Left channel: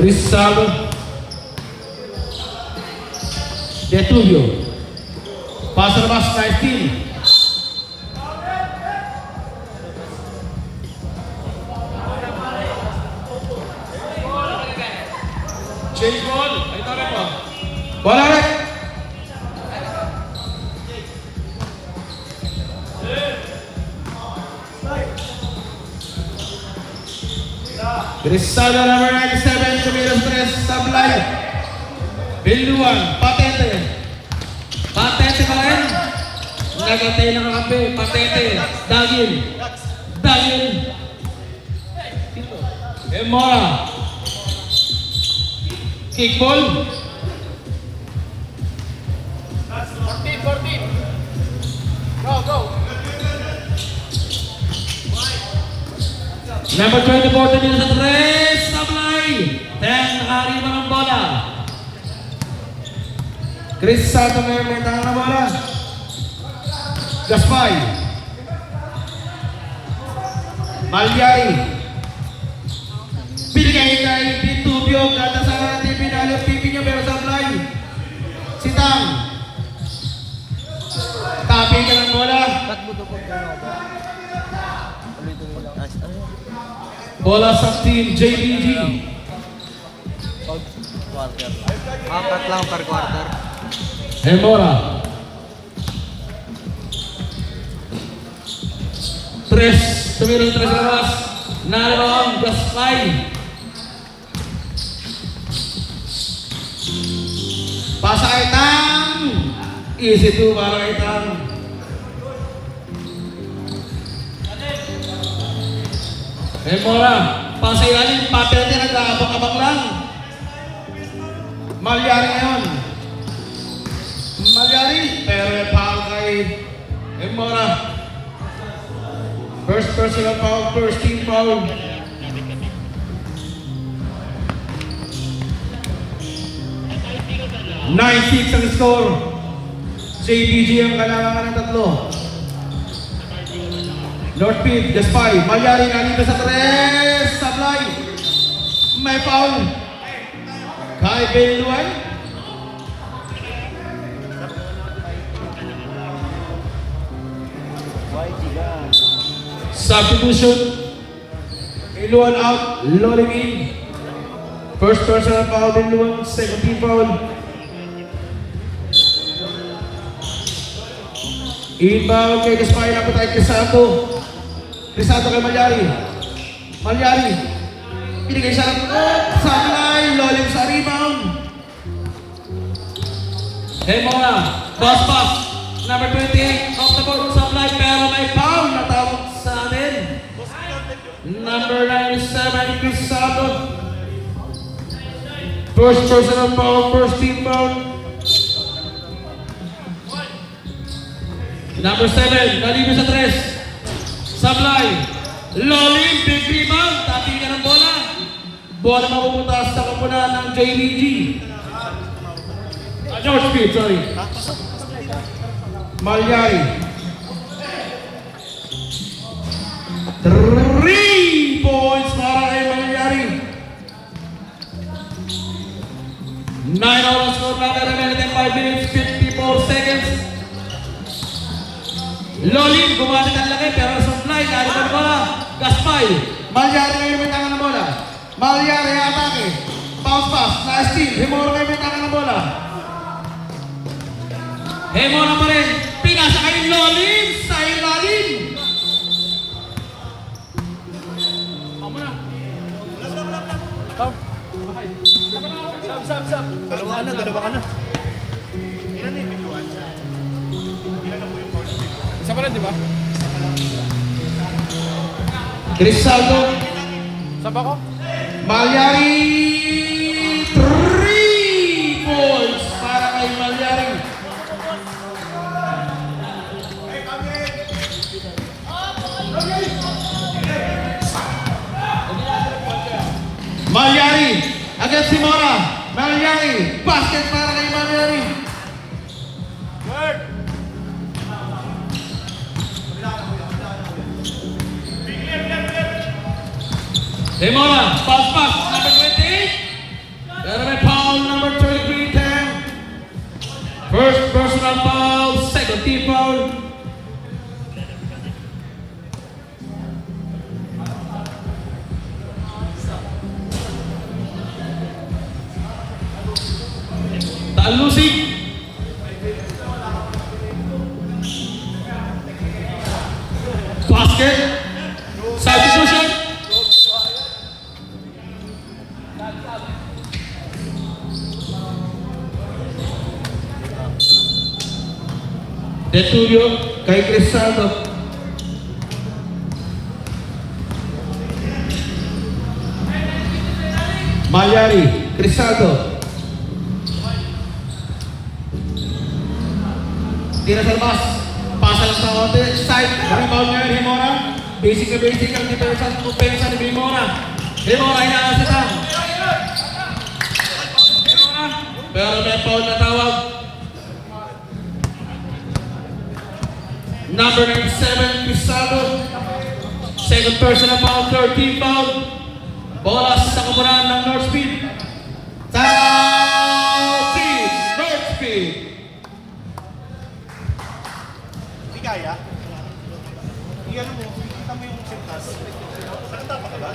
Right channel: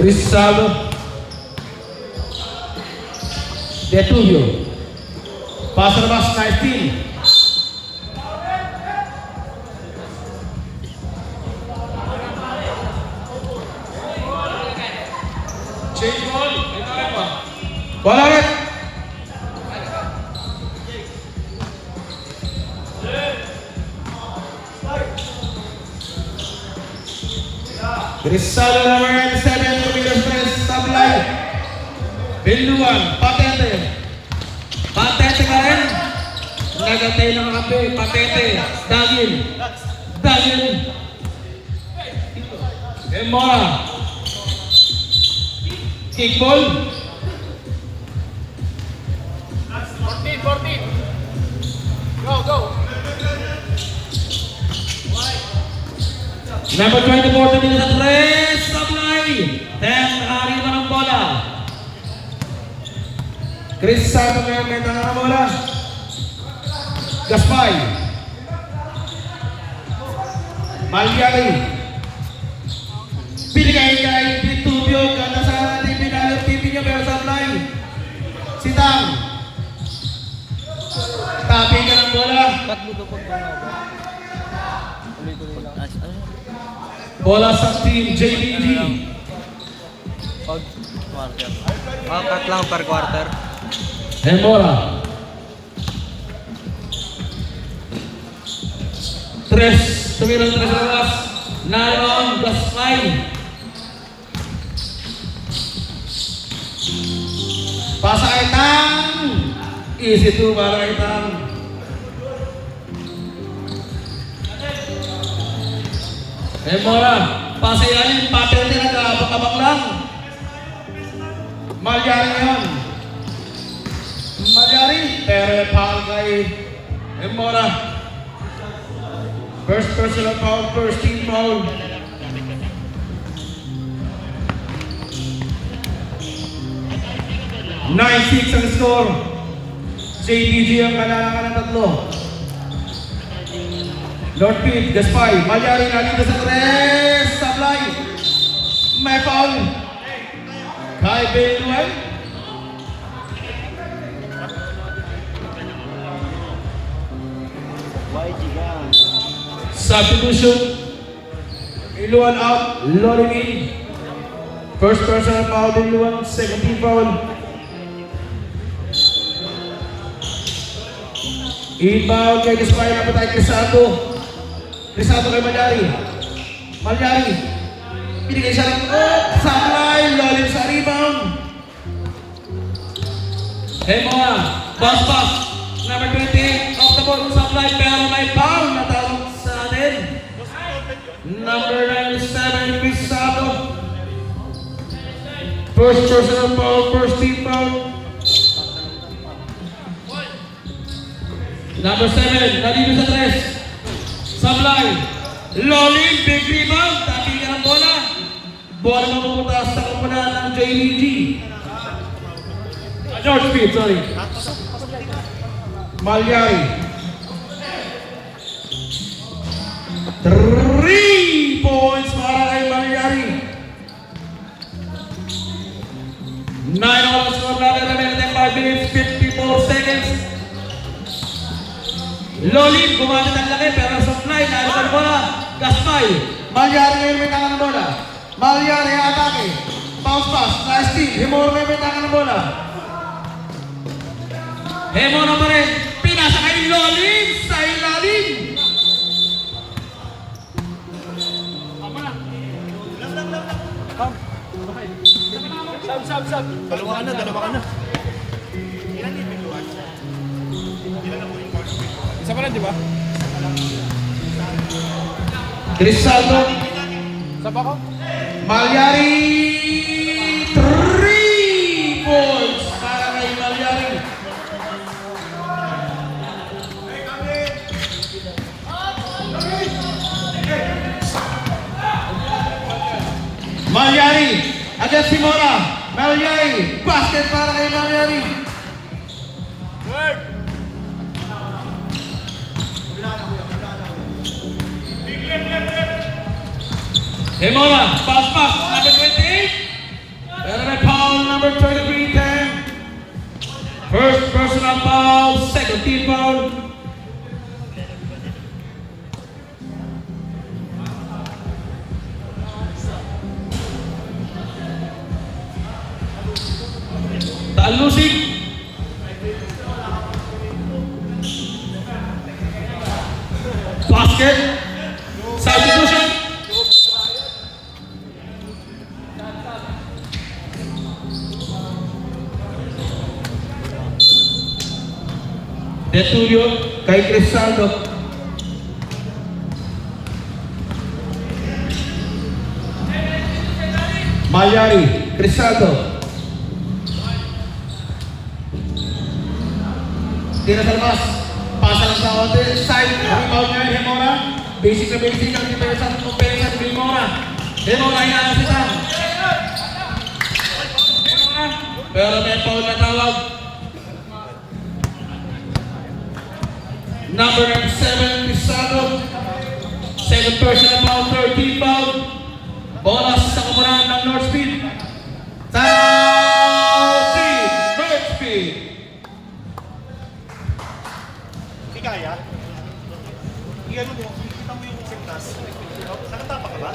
Rizalo. Detulio. Pasa lepas 19. Change ball. Ito na po. Bola ulit. Rizalo number 97, Camilo Stress, Sablay. Biluan, Patente. Patente ka rin. Nagatay ng kape, Patente. Dagil. Dagil. Emora. Kickball. 14. Go. Number 24 din sa tres, Sablay. 10, nakariba ng bola. Chris Santo may tanga ng bola. Gaspay. Malyari. Binigay kay Pitubio, kata sa TV na TV niya pero Sablay. Sitang. Tapi ka ng bola. Ba't mo ito pag turnover? Tuloy-tuloy lang. Bola sa team JDG. Pag quarter. Cut lang per quarter. Emora. Tres, tumirang tres na mas. Naroon, Gaspay. Pasa Aitang. Easy to para Aitang. Emora. Pasa ilalim, Patente nag-aabang-abang lang. Malyari ngayon. Malyari. Pero foul kay Emora. First personal foul, first team foul. 9-6 ang score. JDG ang kailangan ng tatlo. Northfield, Gaspay, Malyari na dito sa tres. Sablay. May foul. Kay Beluan. YG ka. Substitution. Beluan out, Loling in. First personal foul, Beluan. Second team foul. Inbound kay Gaspay, napit tayo Crisanto. Crisanto kay Malyari. Malyari. Pinigay siya ng Sablay, Loling sa rebound. Hey mga, pass. Number 28, off the ball, Sablay, pero may foul na tawag sa atin. Number 97, Crisanto. First personal foul, first team foul. Number 7, nalino sa tres. Sablay. Loling, big rebound. Taking ka ng bola. Bola mapupunta sa kapunan ng JDG. Northfield, sorry. Malyari. 3 points para kay Malyari. 9 hours of play remaining 5 minutes, 54 seconds. Loling, gumamit ang laki pero supply, nalipad bola. Gaspay. Malyari may tangan ng bola. Malyari atake. Bounce pass, nice team. Himoro may tangan ng bola. Himoro pa rin. Pinasa kay Loling sa ilalim. Sab. Dalawa ka na. Isa pa lang, di ba? Crisanto. Sab ako? Malyari. 3 points para kay Malyari. Malyari against Simora. Malyari, basket para kay Malyari. Good! Simora, pass, number 28. and team foul. Taalusig. Basket. Substitution. Detulio kay Crisaldo. Mayari, Crisaldo. Kina sa labas. Pasa lang sa hotel side. Rebound ngayon, Himora. Basic na basic ang depensa at kumpensa ni Himora. Himora, inaasitan. Pero may foul na tawag. Number 97, Crisaldo. Second personal foul, third team foul. Bola sa kamunan ng Northspeed. South Northspeed. Hindi kaya. Iyan mo, kita mo yung sintas. Nakatapa ka ba?